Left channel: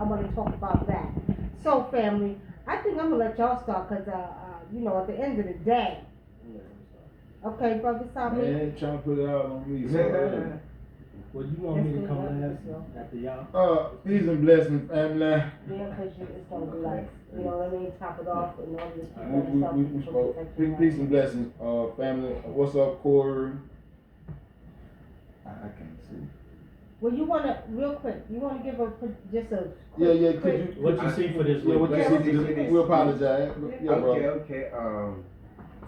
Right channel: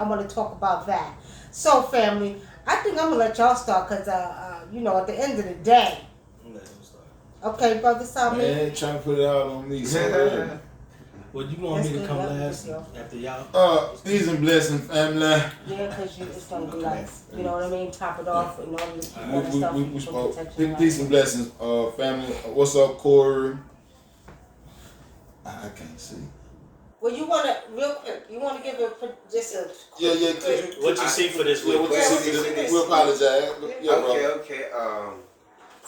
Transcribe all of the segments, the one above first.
I want to talk about that. So, family, I think I'm gonna let y'all start because, at the end of the day, okay, brother Salmi. Man, trying to put it out on me so early. Well, you want me to come last after y'all? Peace and blessing, family. Yeah, because it's gonna be like, you know what I mean, top it off and all this stuff. We spoke. Peace and blessings, family. What's up, Corey? I can't see. Well, you want to, real quick, you want to give just a quick, Yeah, what you see for this week? What you see for this week? We apologize. Yeah, Okay.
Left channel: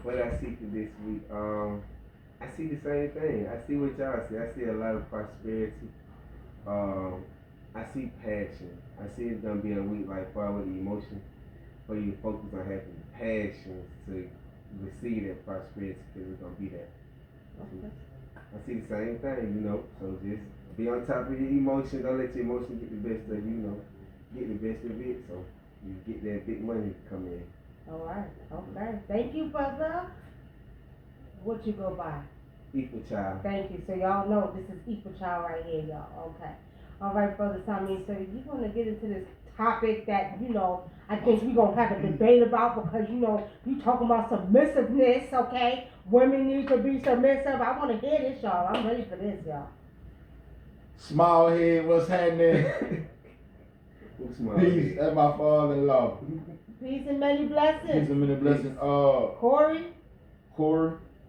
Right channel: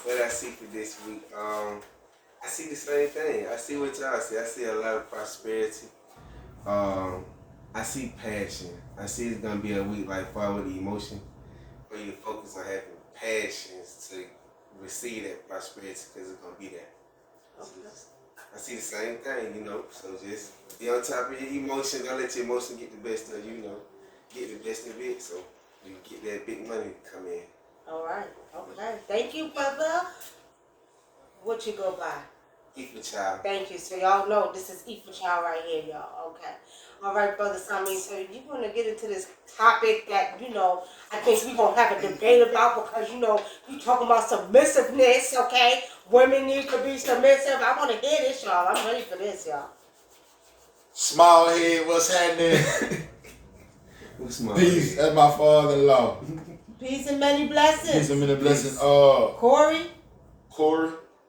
What I see for this week, I see the same thing. I see what y'all see. I see a lot of prosperity. I see passion. I see it's gonna be a week like far with the emotion, where you focus on having passions to receive that prosperity because it's gonna be there. Okay. I see the same thing, So just be on top of your emotion. Don't let your emotion get the best of you. Get the best of it, so you get that big money come in. All right. Okay. Thank you, brother. What you go by? Equal child. Thank you. So y'all know this is equal child right here, y'all. Okay. All right, brother Sami. So you want to get into this topic that I think we're gonna have a debate about because you talking about submissiveness. Okay, women need to be submissive. I want to hear this, y'all. I'm ready for this, y'all. Small head, what's happening? Peace. That's my father-in-law. Peace and many blessings. Peace and many blessings. Corey.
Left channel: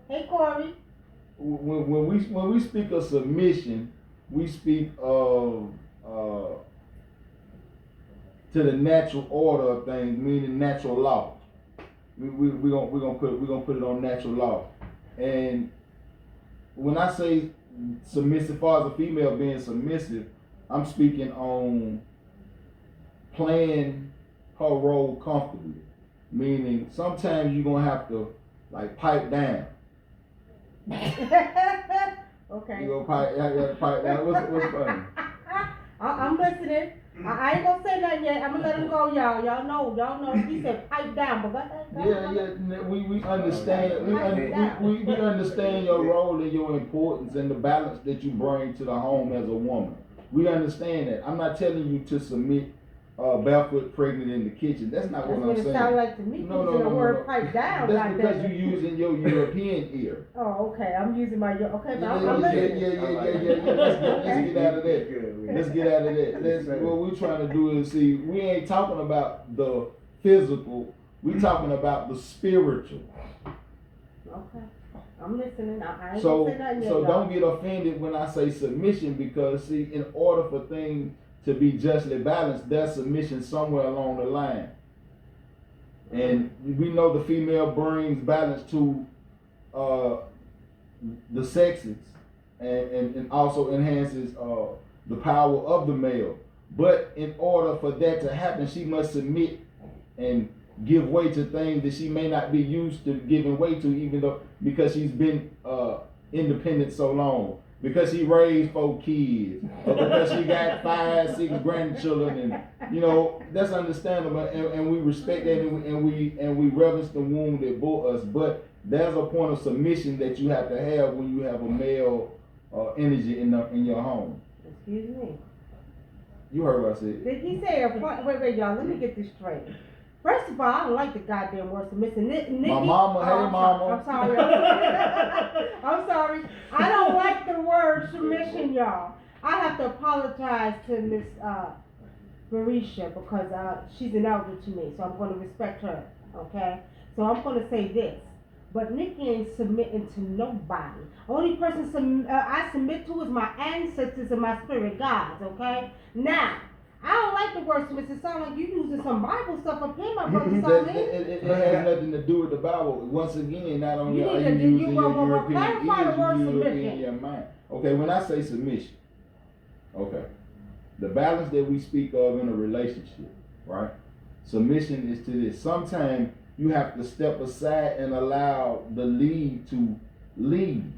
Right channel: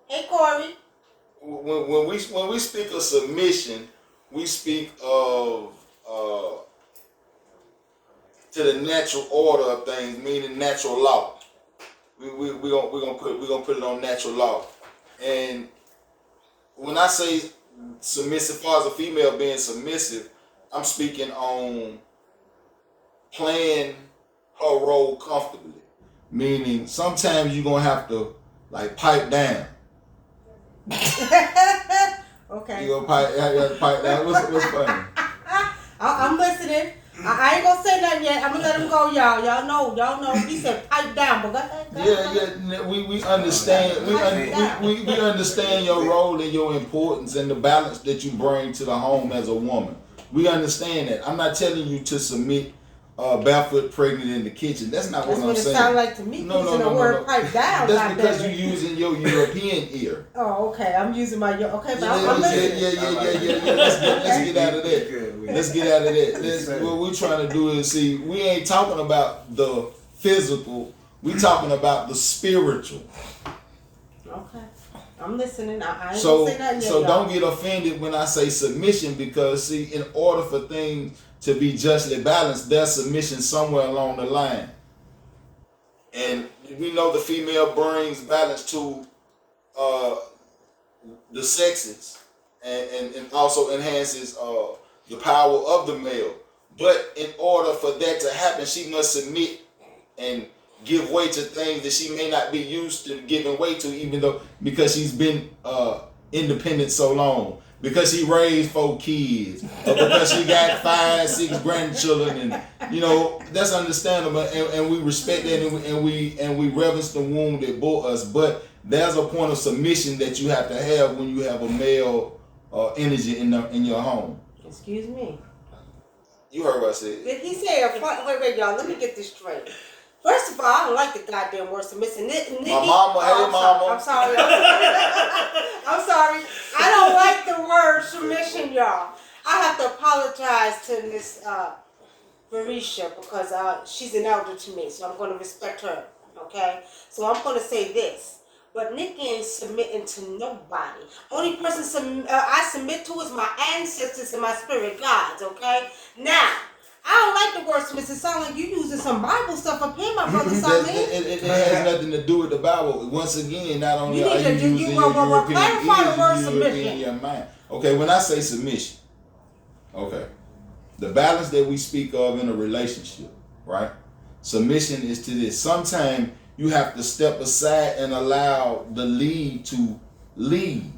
Hey, Corey. When we speak of submission, we speak of to the natural order of things, meaning natural law. We're gonna put it on natural law. And when I say submissive, as far as a female being submissive, I'm speaking on playing her role comfortably. Meaning sometimes you're gonna have to pipe down. Okay. You gonna pipe down. What's funny? I'm listening. I ain't gonna say nothing yet. I'm gonna let him go, y'all. Y'all know. He said pipe down, but go ahead. Yeah. We understand. We understand your role and your importance and the balance that you bring to the home as a woman. We understand that. I'm not telling you to submit barefoot pregnant in the kitchen. That's not what I'm saying. That's what it sounds like to me. No. Pipe down. That's because you're using your European ear. Oh, okay. I'm using my okay, but I'm listening. Yeah. Let's get out of that. Let's get out of that. What we're trying to do is see. We ain't talking about the physical. We talking about the spiritual. Okay. I'm listening. I ain't gonna say nothing yet, so y'all. don't get offended when I say submission because see, in order for things to be justly balanced, there's submission somewhere along the line. And we know the female brings balance to the sexes and also enhances the power of the male. But in order for that to happen, she must submit and give way to things that she may not be used to giving way to, because she's been independent so long. Because she raised 4 kids, or because she got 5, 6 grandchildren, and that's understandable, and we respect that, and we reverence the womb that bore us. But there's a point of submission that you have to have when you have a male energy in your home. Excuse me. You heard what I said. Did he say a point? Wait, y'all. Let me get this straight. First of all, I don't like the goddamn word submission. My mama, hey mama. I'm sorry. I'm sorry. I don't like the word submission, y'all. I have to apologize to Miss Marisha because she's an elder to me, so I'm going to respect her. Okay? So I'm going to say this. But Nikki ain't submitting to nobody. Only person I submit to is my ancestors and my spirit gods. Okay? Now, I don't like the word submission. It sounds like you using some Bible stuff up here, my brother. It has nothing to do with the Bible. Once again, not only are you using your European ears, you European your mind. Okay, when I say submission, okay, the balance that we speak of in a relationship, right? Submission is to this. Sometimes you have to step aside and allow the lead to lead.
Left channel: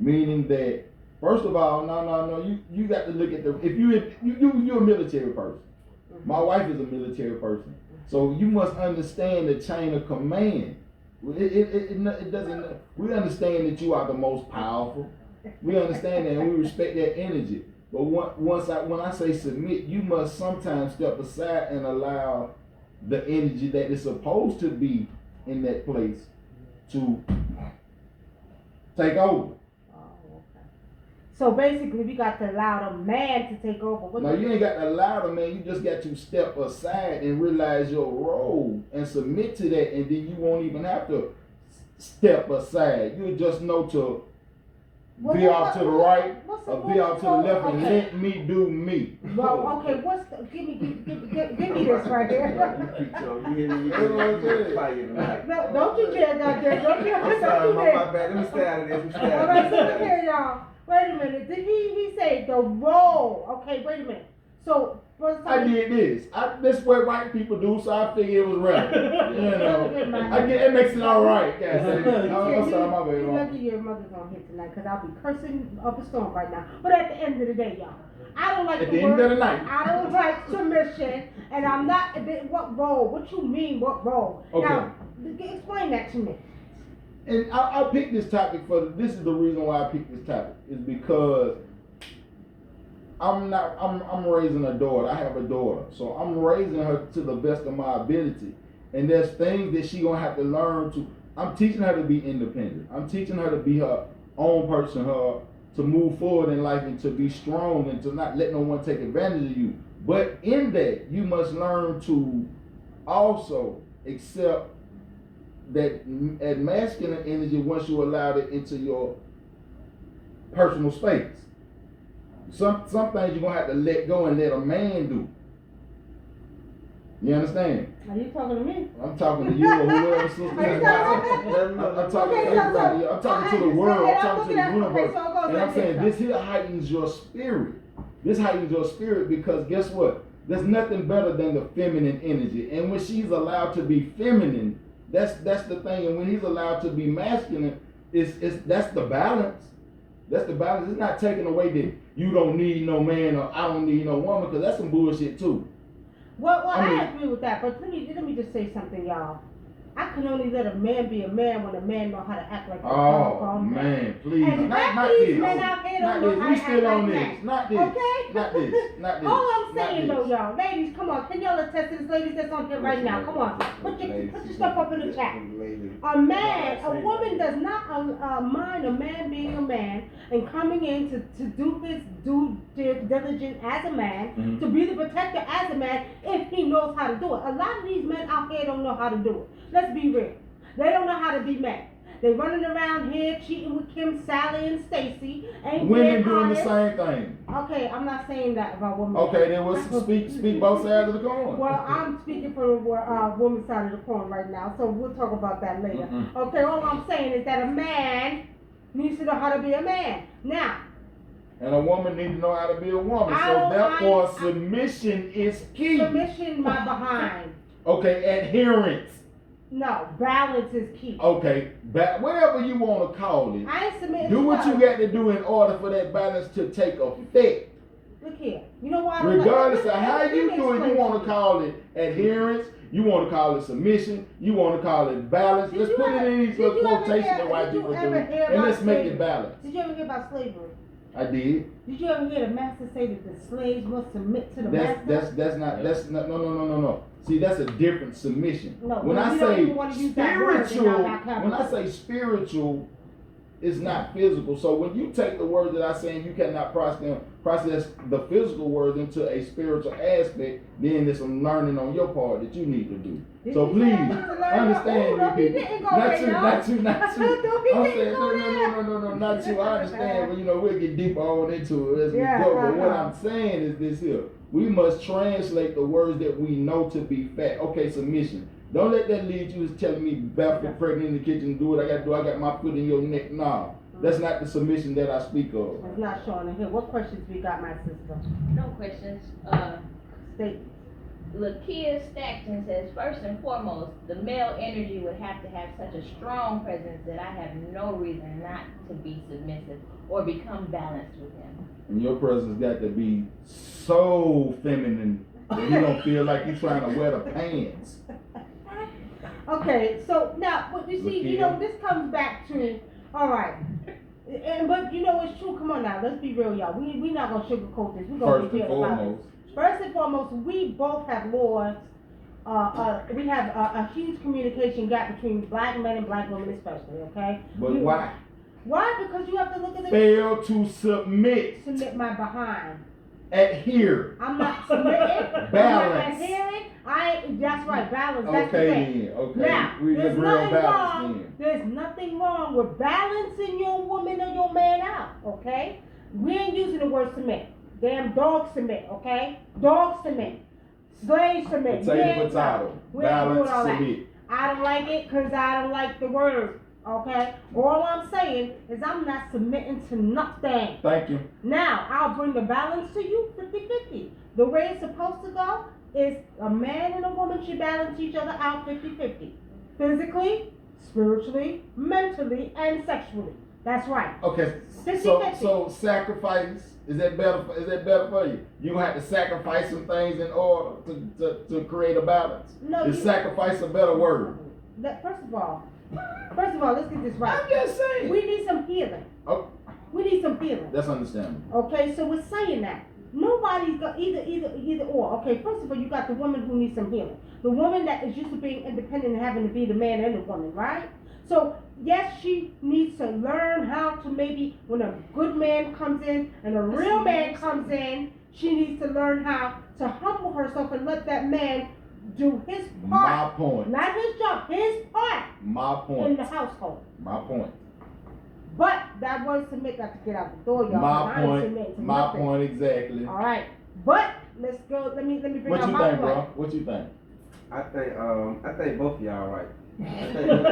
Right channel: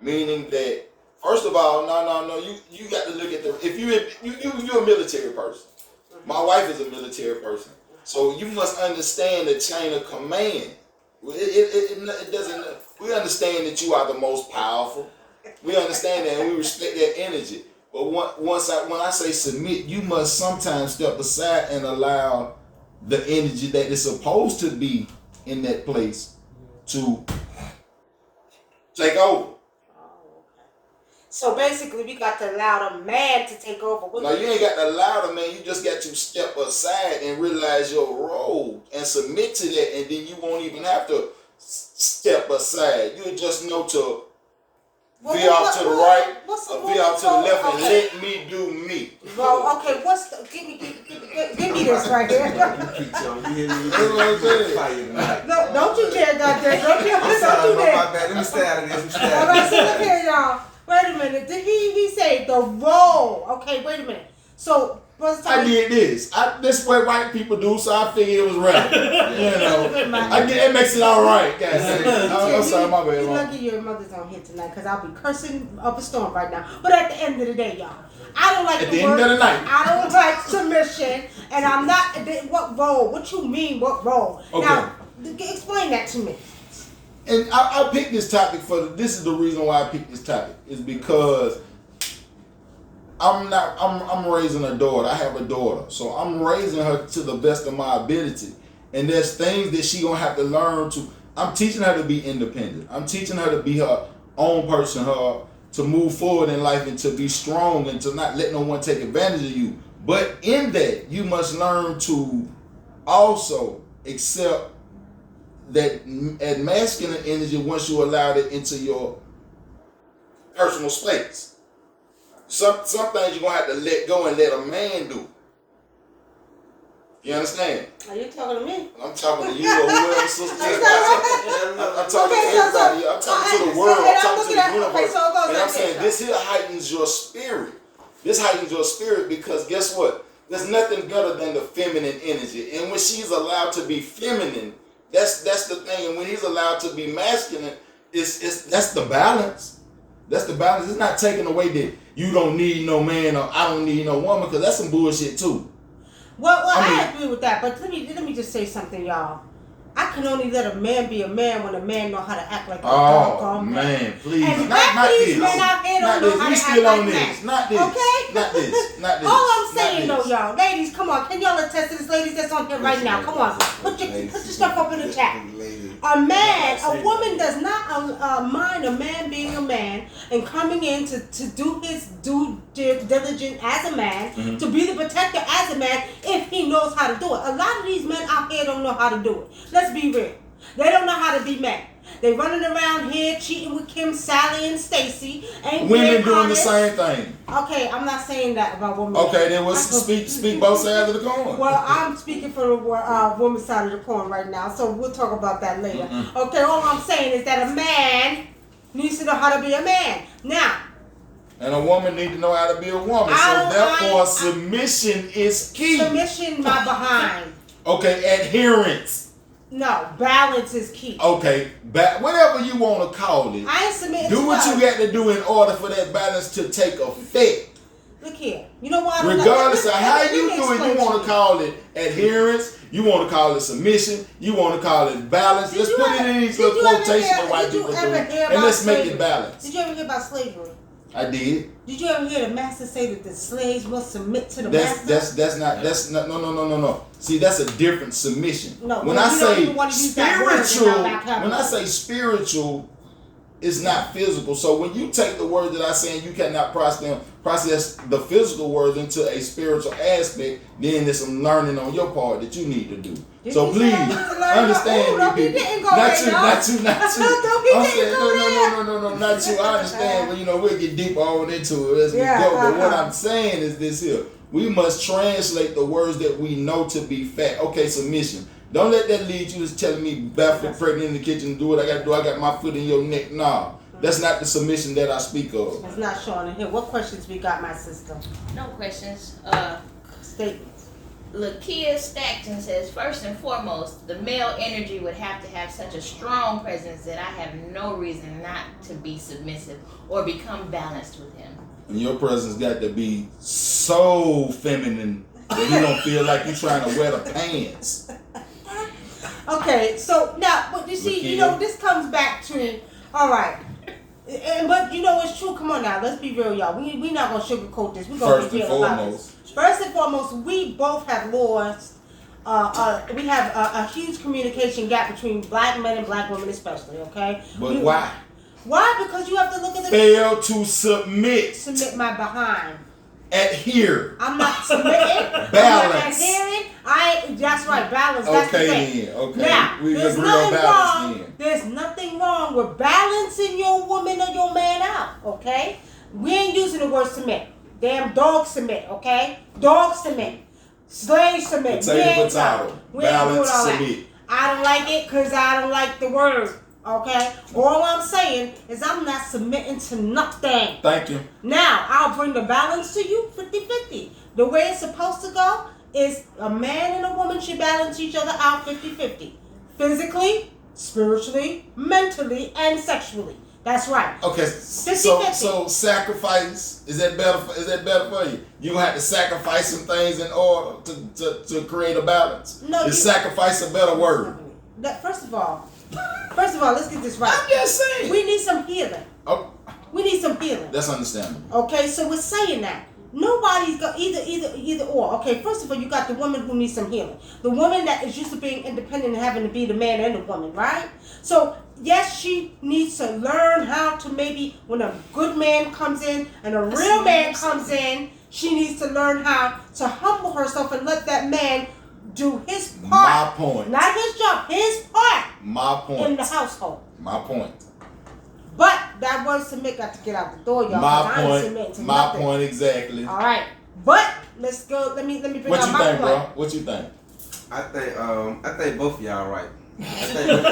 Meaning that, first of all, no. You got to look at if you're a military person. My wife is a military person, so you must understand the chain of command. It doesn't. We understand that you are the most powerful. We understand that, and we respect that energy. But when I say submit, you must sometimes step aside and allow the energy that is supposed to be in that place to take over. So basically, we got to allow the man to take over. No, you ain't got to allow the man. You just got to step aside and realize your role and submit to that, and then you won't even have to step aside. You just know to veer off to the right or veer off to the left and let me do me. Well, okay, give me this right here. No, don't you dare, don't you dare. My bad. Let me stay out of this. All right, so look here, y'all. Wait a minute. Did he say the role? Okay, wait a minute. So, I did this. This is what white people do, so I figured it was right. It makes it all right, guys. I'm sorry, my bad. You're lucky your mother's on here tonight, because I'll be cursing up a storm right now. But at the end of the day, y'all, I don't like at the end of the night. I don't like submission, and I'm not. What role? What you mean? What role? Okay. Now, explain that to me. And I picked this topic this is the reason why I picked this topic, is because I'm raising a daughter. I have a daughter. So I'm raising her to the best of my ability. And there's things that she gonna have to learn I'm teaching her to be independent. I'm teaching her to be her own person, to move forward in life and to be strong and to not let no one take advantage of you. But in that, you must learn to also accept that masculine energy once you allow it into your personal space. Some things you're gonna have to let go and let a man do. You understand? Are you talking to me? I'm talking to you or whoever, sister. I'm talking to everybody. I'm talking to the world. I'm talking to the universe. And I'm saying this here heightens your spirit. This heightens your spirit because guess what? There's nothing better than the feminine energy. And when she's allowed to be feminine, that's the thing. And when he's allowed to be masculine, that's the balance. That's the balance. It's not taking away that you don't need no man or I don't need no woman, because that's some bullshit too. Well, I agree with that, but let me just say something, y'all. I can only let a man be a man when a man know how to act like a doggone man. Man, please. And not these this. men out here Not don't this. know how We to still act on like this. men. Not this. Okay? Not this. Not this. All I'm saying Not though, this. y'all, ladies, come on. Can y'all attest to this, ladies that's on here right now? Come on. Put your stuff up in the chat. A woman does not mind a man being a man and coming in to do his due diligence as a man, to be the protector as a man if he knows how to do it. A lot of these men out here don't know how to do it. Let's be real. They don't know how to be men. They running around here cheating with Kim, Sally, and Stacy. Women doing the same thing. Okay, I'm not saying that about women. Okay, then we'll speak both sides of the coin. Well, I'm speaking for the woman's side of the coin right now, so we'll talk about that later. Okay, all I'm saying is that a man needs to know how to be a man. Now. And a woman needs to know how to be a woman. So therefore, submission is key. Submission, my behind. Okay, adherence. No, balance is key. Okay, whatever you want to call it. I ain't submitting. Do what you got to do in order for that balance to take effect. Look here. You know what? Regardless of how you do it, you want to call it adherence. You want to call it submission. You want to call it balance. Let's put it in these little quotations that white people do, and let's make it balance. Did you ever hear about slavery? I did. Did you ever hear the master say that the slaves must submit to the master? No. See, that's a different submission. No, when I say spiritual, it's not physical. So when you take the word that I'm saying, you cannot process the physical word into a spiritual aspect, then there's some learning on your part that you need to do. So please understand me, people. Not you. I'm saying no, not you. I understand, but we'll get deeper on into it as we go. But what I'm saying is this here. We must translate the words that we know to be fact. Okay, submission. Don't let that lead you to telling me barefoot, pregnant in the kitchen, do what I got to do. I got my foot in your neck. Nah, that's not the submission that I speak of. It's not showing in here. What questions we got, my sister? No questions. Statements. Lakia Stackton says, first and foremost, the male energy would have to have such a strong presence that I have no reason not to be submissive or become balanced with him. And your presence got to be so feminine that you don't feel like you're trying to wear the pants. Okay, so now, but you see, this comes back to, all right, But you know it's true. Come on now, let's be real, y'all. We not gonna sugarcoat this. We gonna be real about this. First and foremost, we both have lost. We have a huge communication gap between black men and black women, especially. Okay. But why? Why? Because you have to look at the fail to submit. Submit my behind. Adhere. I'm not submitting. Balance. I'm not adhering. That's right, balance. That's the thing. Okay. Now, We there's agree on nothing balance wrong. then. There's nothing wrong with balancing your woman or your man out. Okay. We ain't using the word submit. Damn dogs submit. Okay. Dogs submit. Slaves submit. Potato. We ain't doing Balance all that. submit. I don't like it because I don't like the word. Okay? All I'm saying is I'm not submitting to nothing. Thank you. Now, I'll bring the balance to you 50-50. The way it's supposed to go is a man and a woman should balance each other out 50-50. Physically, spiritually, mentally, and sexually. That's right. Okay, 50-50. so sacrifice, is that better for you? You gonna have to sacrifice some things in order to create a balance? No, is sacrifice a better word? First of all, let's get this right. I'm just saying. We need some healing. Oh, We need some healing. that's understandable. Okay, so we're saying that. Nobody's got either or. Okay, first of all, you got the woman who needs some healing. The woman that is used to being independent and having to be the man and the woman, right? So, yes, she needs to learn how to maybe when a good man comes in and a real man comes in, she needs to learn how to humble herself and let that man do his part. My point. Not his job, his part. My point. In the household. My point. But that word submit got to get out the door, y'all. My point exactly. All right, but let's go. Let me bring what out you my think, point. bro? What you think? I think both of y'all right. Hell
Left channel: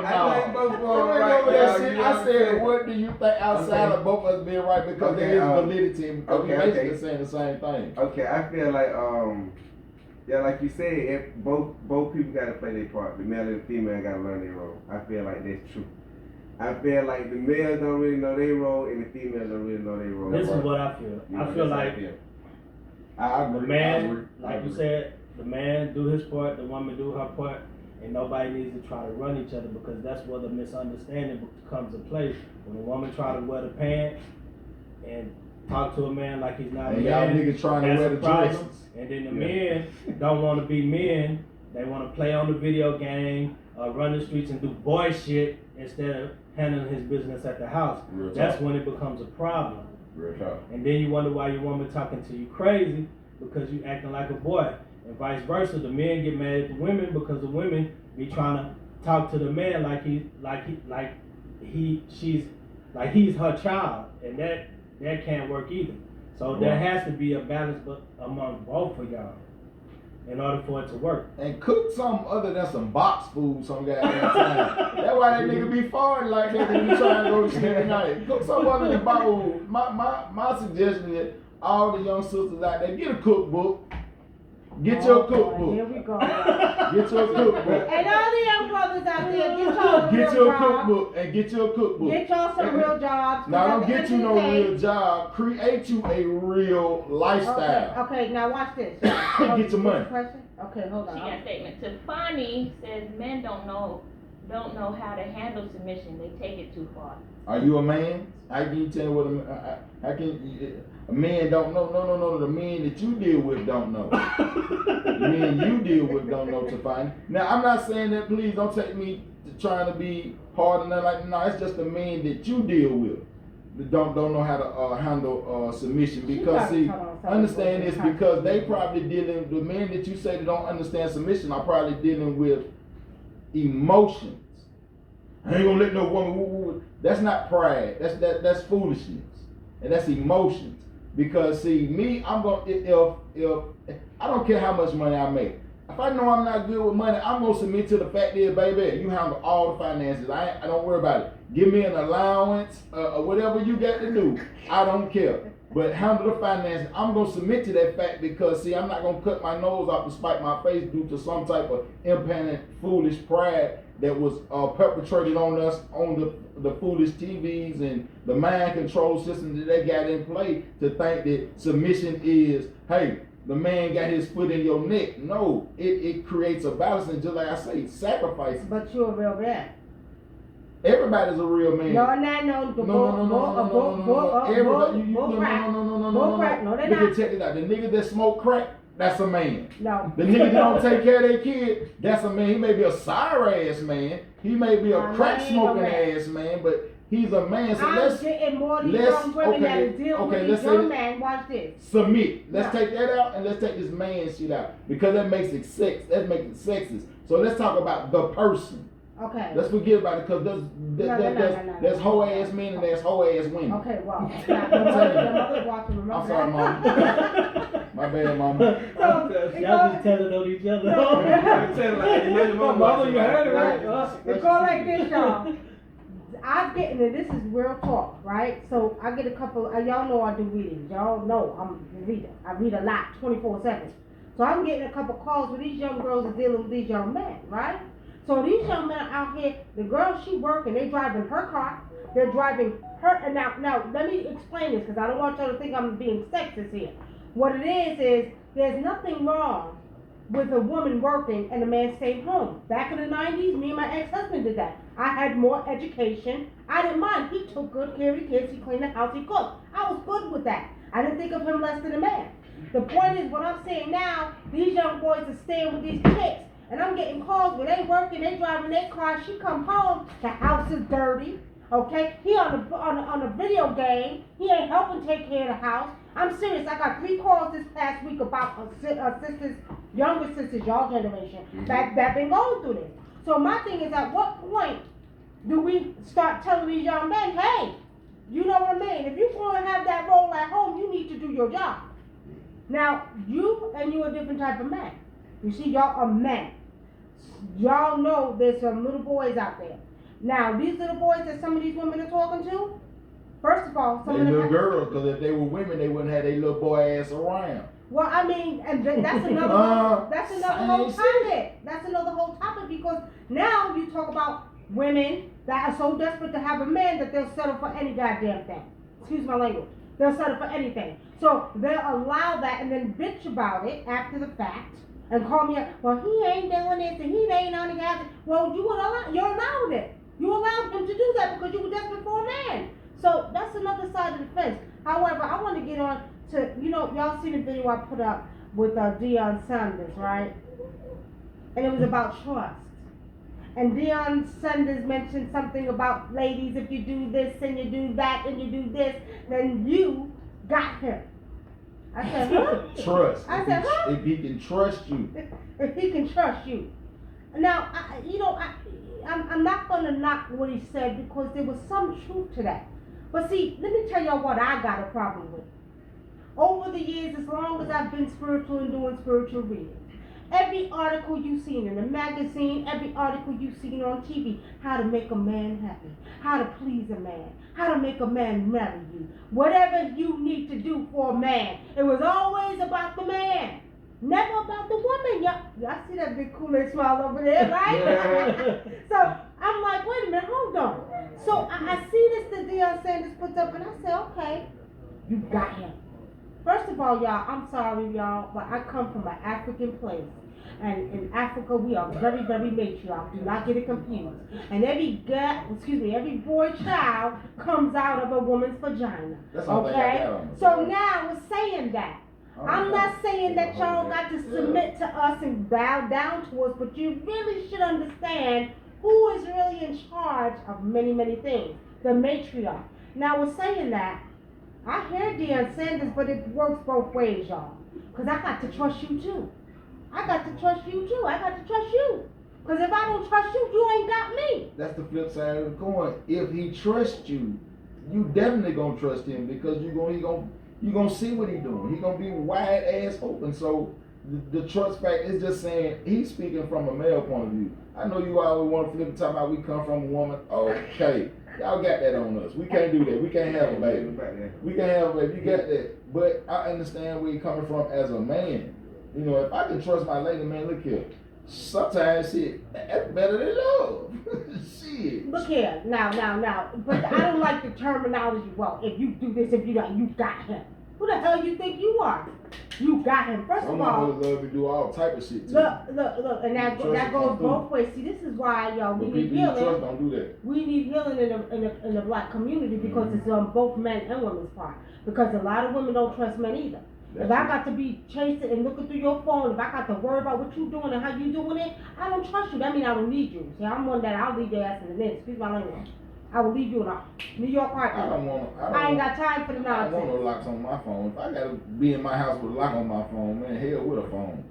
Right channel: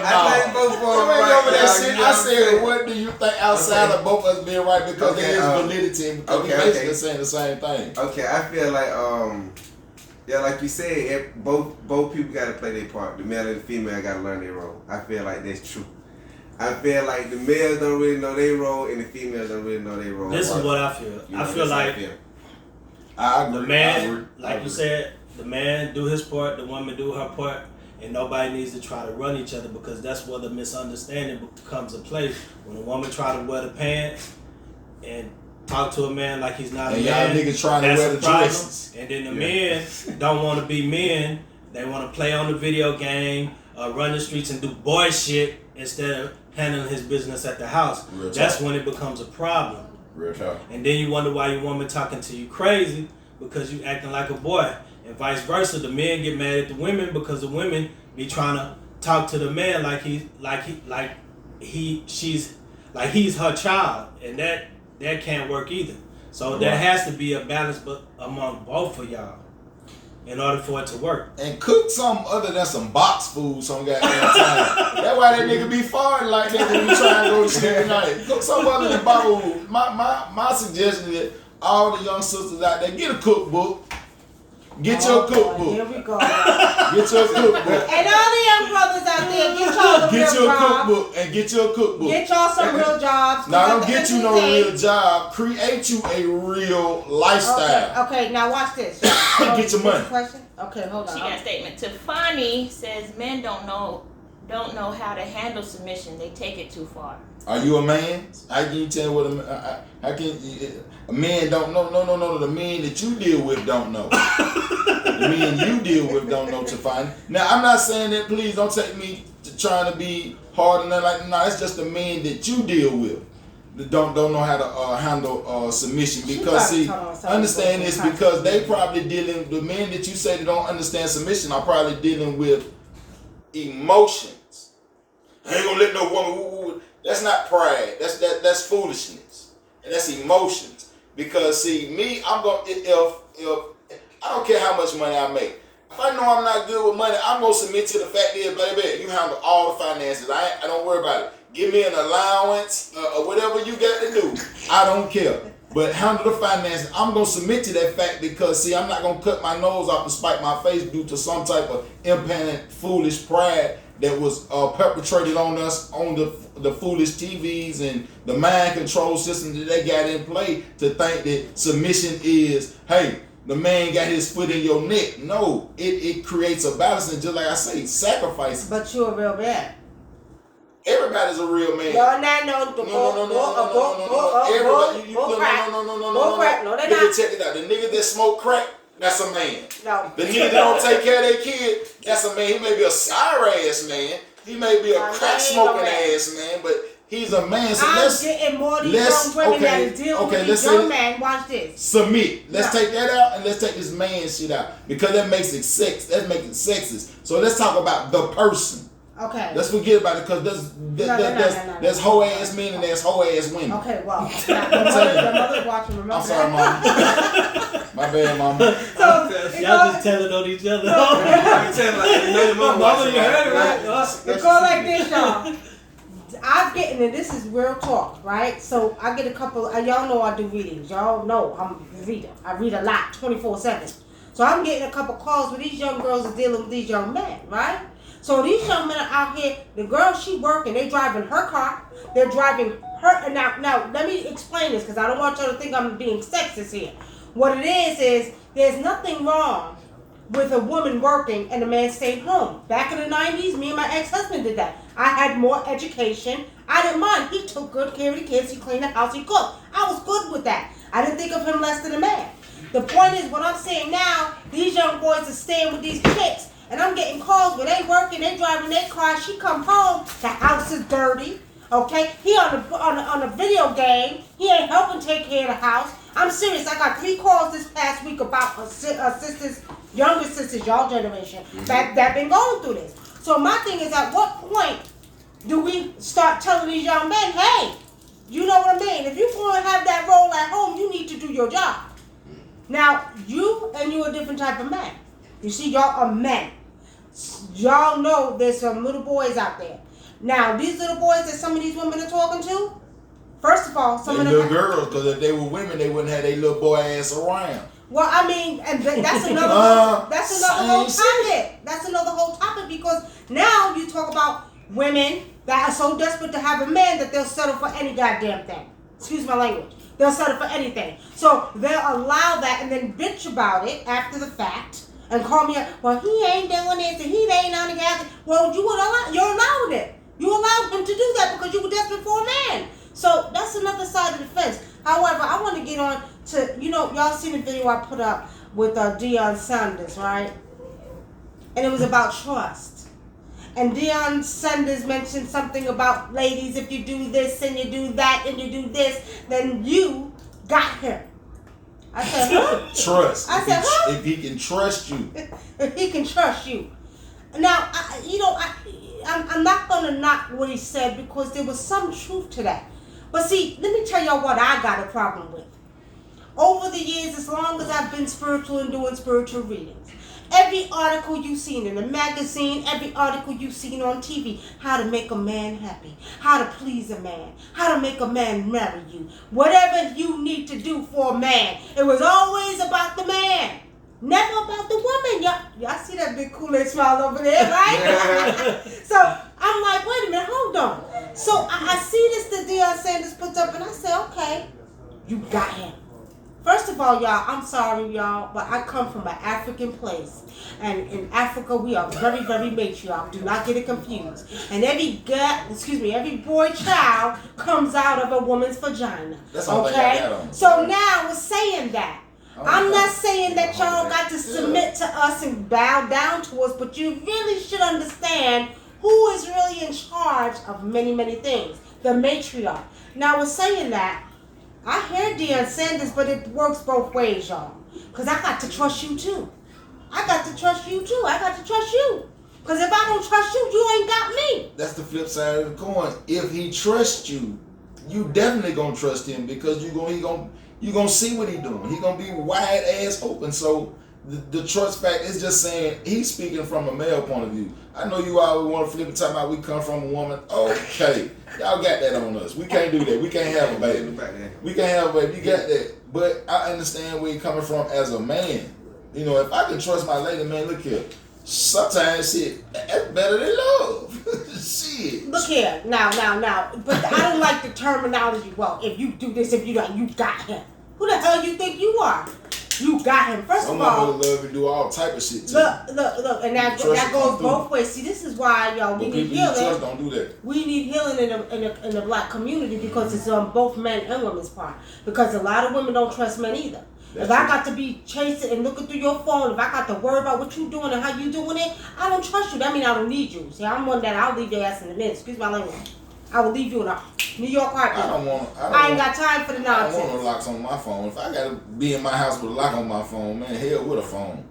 no. I think both of them right. I said, what do you think outside of both of us being right? Because there is validity. Because we basically saying the same thing. Okay, I feel like yeah, like you said, both people got to play their part. The male and the female got to learn their role. I feel like that's true. I feel like the males don't really know their role and the females don't really know their role. This is what I feel. I feel like I agree. the man, like you said, the man do his part, the woman do her part, and nobody needs to try to run each other because that's where the misunderstanding comes in place. When a woman try to wear the pants and talk to a man like he's not a man, y'all niggas trying to wear the dresses. And then the men don't want to be men. They want to play on the video game, run the streets and do boy shit instead of handling his business at the house. That's when it becomes a problem. Real talk. And then you wonder why your woman talking to you crazy because you acting like a boy. And vice versa, the men get mad at the women because the women be trying to talk to the man like he's her child, and that can't work either. So there has to be a balance, but among both of y'all, in order for it to work. And cook something other than some box food some goddamn time. That's why that nigga be farting like that when we try to go to sleep at night. Cook something other than bottle food. My suggestion is all the young sisters out there, get a cookbook. Get your cookbook. Here we go. Get your cookbook. And all the young brothers out there, get y'all Get your cookbook and get your cookbook. Get y'all some real jobs. Now don't get you no real job. Create you a real lifestyle. Okay, now watch this. Get your money. Question? Okay, hold on. She got a statement. Tafani says men don't know how to handle submission. They take it too far. Are you a man? How can you tell what a man don't know? No. The men that you deal with don't know. The men you deal with don't know to find. Now I'm not saying that. Please don't take me to trying to be hard and nothing like that. No, it's just the men that you deal with that don't know how to handle submission. Because see, understand this, because they probably dealing. The men that you say that don't understand submission are probably dealing with emotions. I ain't gonna let no woman. That's not pride. That's foolishness, and that's emotions. Because see, me, I'm gonna if I don't care how much money I make. If I know I'm not good with money, I'm gonna submit to the fact that, baby, you handle all the finances. I don't worry about it. Give me an allowance or whatever you got to do. I don't care. But handle the finances. I'm gonna submit to that fact because see, I'm not gonna cut my nose off to spite my face due to some type of impending foolish pride that was perpetrated on us on the foolish TVs and the mind control system that they got in play to think that submission is, hey, the man got his foot in your neck. No, it creates a balance, and just like I say, sacrifice. But you're a real man. Everybody's a real man. No. Everybody, no. No, they're Nigga, not. check it out. The nigga that smoke crack, that's a man. No. The nigga that don't take care of their kid, that's a man. He may be a sorry ass man. He may be a crack smoking ass man, but he's a man. So I'm getting more of these young women that is dealing with these young men. Watch this. Submit. Let's take that out and let's take this man shit out because that makes it sex. That makes it sexist. So let's talk about the person. Okay. Let's forget about it because there's hoe ass men and there's hoe ass women. Okay, well, the mother's watching. Remember I'm sorry, that. mom. My bad, mama. Y'all just telling on each other. Mama, you heard it, right? It go like this, y'all. I'm getting, and this is real talk, right? So I get a couple, y'all know I do readings. Y'all know I'm a reader. I read a lot, 24/7. So I'm getting a couple calls where these young girls are dealing with these young men, right? So these young men are out here, the girl, she working, they driving her car, they're driving her, now let me explain this, because I don't want y'all to think I'm being sexist here. What it is there's nothing wrong with a woman working and a man staying home. Back in the 90s, me and my ex-husband did that. I had more education. I didn't mind. He took good care of the kids. He cleaned the house. He cooked. I was good with that. I didn't think of him less than a man. The point is, what I'm saying now, these young boys are staying with these chicks. And I'm getting calls where they working, they driving their car. She come home, the house is dirty. Okay, he on a video game. He ain't helping take care of the house. I'm serious. I got 3 calls this past week about sisters, younger sisters, y'all generation that been going through this. So my thing is, at what point do we start telling these young men, hey, you know what I mean? If you're going to have that role at home, you need to do your job. Now you're a different type of man. You see, y'all are men. Y'all know there's some little boys out there. Now, these little boys that some of these women are talking to, first of all, some of them... little girls, because if they were women, they wouldn't have their little boy ass around. Well, I mean, and that's another whole topic. That's another whole topic because now you talk about women that are so desperate to have a man that they'll settle for any goddamn thing. Excuse my language. They'll settle for anything. So they'll allow that and then bitch about it after the fact. And call me up, well, he ain't doing this and he ain't on the gas. Well, you're allowed it. You allowed him to do that because you were desperate for a man. So that's another side of the fence. However, I want to get on to, y'all seen the video I put up with Deion Sanders, right? And it was about trust. And Deion Sanders mentioned something about, ladies, if you do this and you do that and you do this, then you got him. I said, huh? Trust. I said, huh? If he can trust you. If he can trust you. Now, I'm not going to knock what he said because there was some truth to that. But see, let me tell y'all what I got a problem with. Over the years, as long as I've been spiritual and doing spiritual readings, every article you've seen in a magazine, every article you've seen on TV, how to make a man happy, how to please a man, how to make a man marry you, whatever you need to do for a man, it was always about the man, never about the woman. Y'all see that big Kool-Aid smile over there, right? So I'm like, wait a minute, hold on. So I see this that Deion Sanders puts up, and I say, okay, you got him. First of all, y'all, I'm sorry, y'all, but I come from an African place. And in Africa, we are very, very matriarch. Do not get it confused. And every boy child comes out of a woman's vagina. That's all okay? So now we're saying that. I'm not saying that y'all got to submit to us and bow down to us, but you really should understand who is really in charge of many, many things. The matriarch. Now we're saying that. I hear Deion Sanders, but it works both ways, y'all. Because I got to trust you, too. I got to trust you, too. I got to trust you. Because if I don't trust you, you ain't got me. That's the flip side of the coin. If he trusts you, you definitely going to trust him because you gonna see what he doing. He going to be wide ass open. So the trust fact is just saying he's speaking from a male point of view. I know you always want to flip and talk about we come from a woman. Okay. Y'all got that on us. We can't do that. We can't have a baby. We can't have a baby. You got that. But I understand where you're coming from as a man. If I can trust my lady, man, look here. Sometimes shit, that's better than love. Shit. Look here. Now. But I don't like the terminology. Well, if you do this, if you don't, you got him. Who the hell you think you are? you got him. First Some of all, motherfuckers love to do all type of shit too. look, and that goes both ways. See, this is why y'all we But need people you trust healing. don't do that. We need healing in the black community because it's on both men and women's part. Because a lot of women don't trust men either. That's if I true. got to be chasing and looking through your phone, if I got to worry about what you doing and how you doing it, I don't trust you. That means I don't need you. See, I'm one that I'll leave your ass in a minute. Excuse my language. I will leave you in a New York heartbeat. I ain't got time for the I nonsense. don't want no locks on my phone. If I gotta be in my house with a lock on my phone, man, hell with a phone.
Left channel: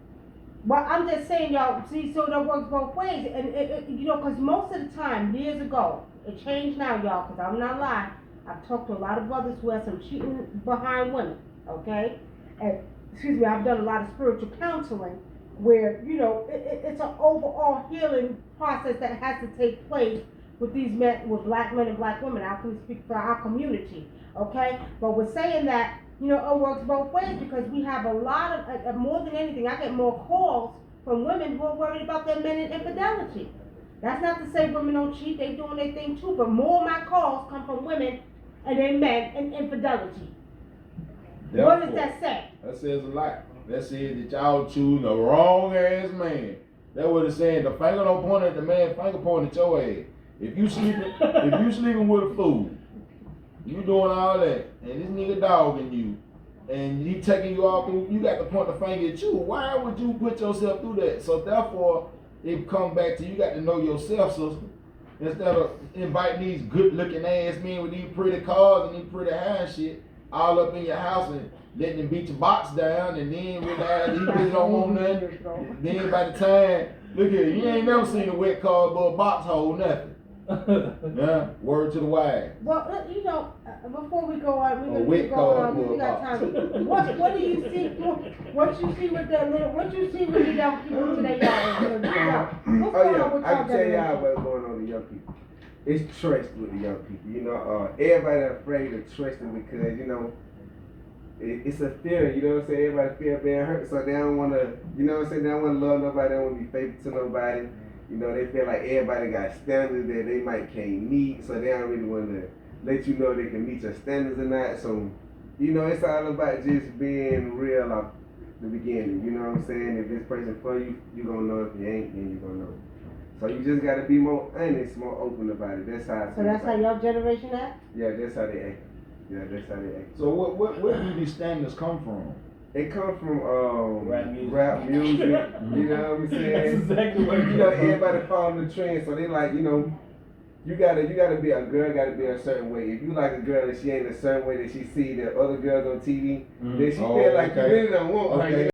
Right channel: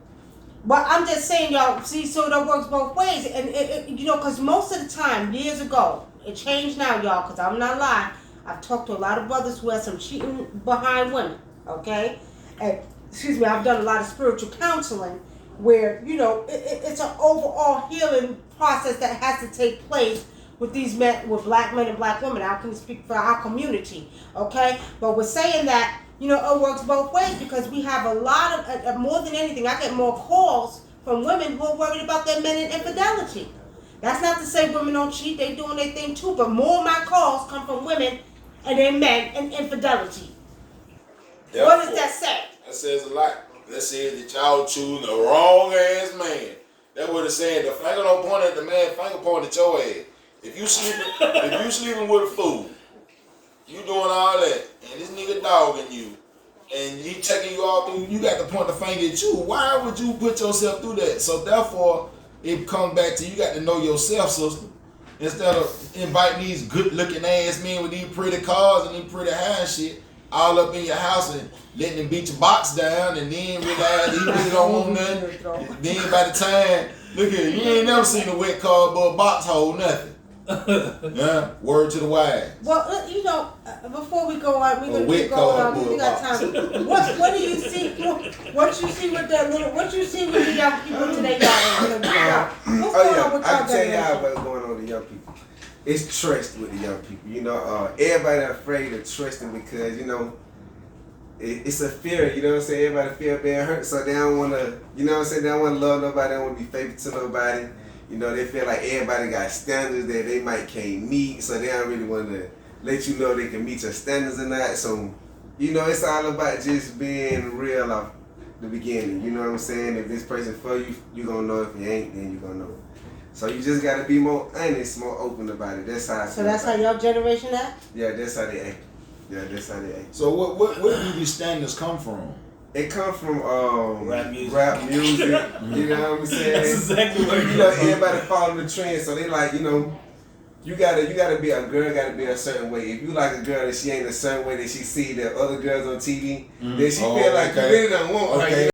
But I'm just saying, y'all, see, so that works both ways. And, you know, because most of the time, years ago, it changed now, y'all, because I'm not lying. I've talked to a lot of brothers who have some cheating behind women, okay? And, excuse me, I've done a lot of spiritual counseling where, you know, it's an overall healing process that has to take place with these men, with black men and black women. I can speak for our community, okay? But we're saying that, you know, it works both ways because we have a lot of, more than anything, I get more calls from women who are worried about their men and infidelity. That's not to say women don't cheat, they doing their thing too, but more of my calls come from women and their men and infidelity. Therefore, What does that say? That says a lot. That says that y'all choosing the wrong ass man. That's what it's saying. The finger don't point at the man, finger point at your ass. If you sleeping with a fool, you doing all that, and this nigga dogging you, and he taking you all through, you got to point the finger at you. Why would you put yourself through that? So therefore, it comes back to you got to know yourself, sister. Instead of inviting these good looking ass men with these pretty cars and these pretty hair and shit all up in your house and letting them beat your box down and then realize he really don't want nothing. Then by the time, look here, you ain't never seen a wet cardboard box hold nothing. Yeah, word to the wise. Well, you know, before we go on, we're gonna wet keep going on. cardboard We got box. time. What do you see? What you see with that little? What you see with the young people today, y'all? What's going on with I y'all can tell y'all generation? what's going on with the young people. It's trust with the young people. You know, everybody afraid of trusting because, you know, it's a fear, you know what I'm saying? Everybody fear being hurt, so they don't want to, you know what I'm saying? They don't want to love nobody, they don't want to be faithful to nobody. You know, they feel like everybody got standards that they might can't meet, so they don't really want to let you know they can meet your standards or not. So, you know, it's all about just being real off the beginning. You know what I'm saying? If this person for you, you going to know. If you ain't, then you going to know. So you just got to be more honest, more open about it. That's how I So feel that's how about it. your generation act? Yeah, that's how they act. Yeah, that's how they act. So where do these standards come from? It comes from Rap music. you know what I'm saying? That's exactly what You know, everybody following the trend, so they like, you know, you gotta be a girl, gotta be a certain way. If you like a girl and she ain't a certain way that she see the other girls on TV, then she feel like you really don't want her. Okay.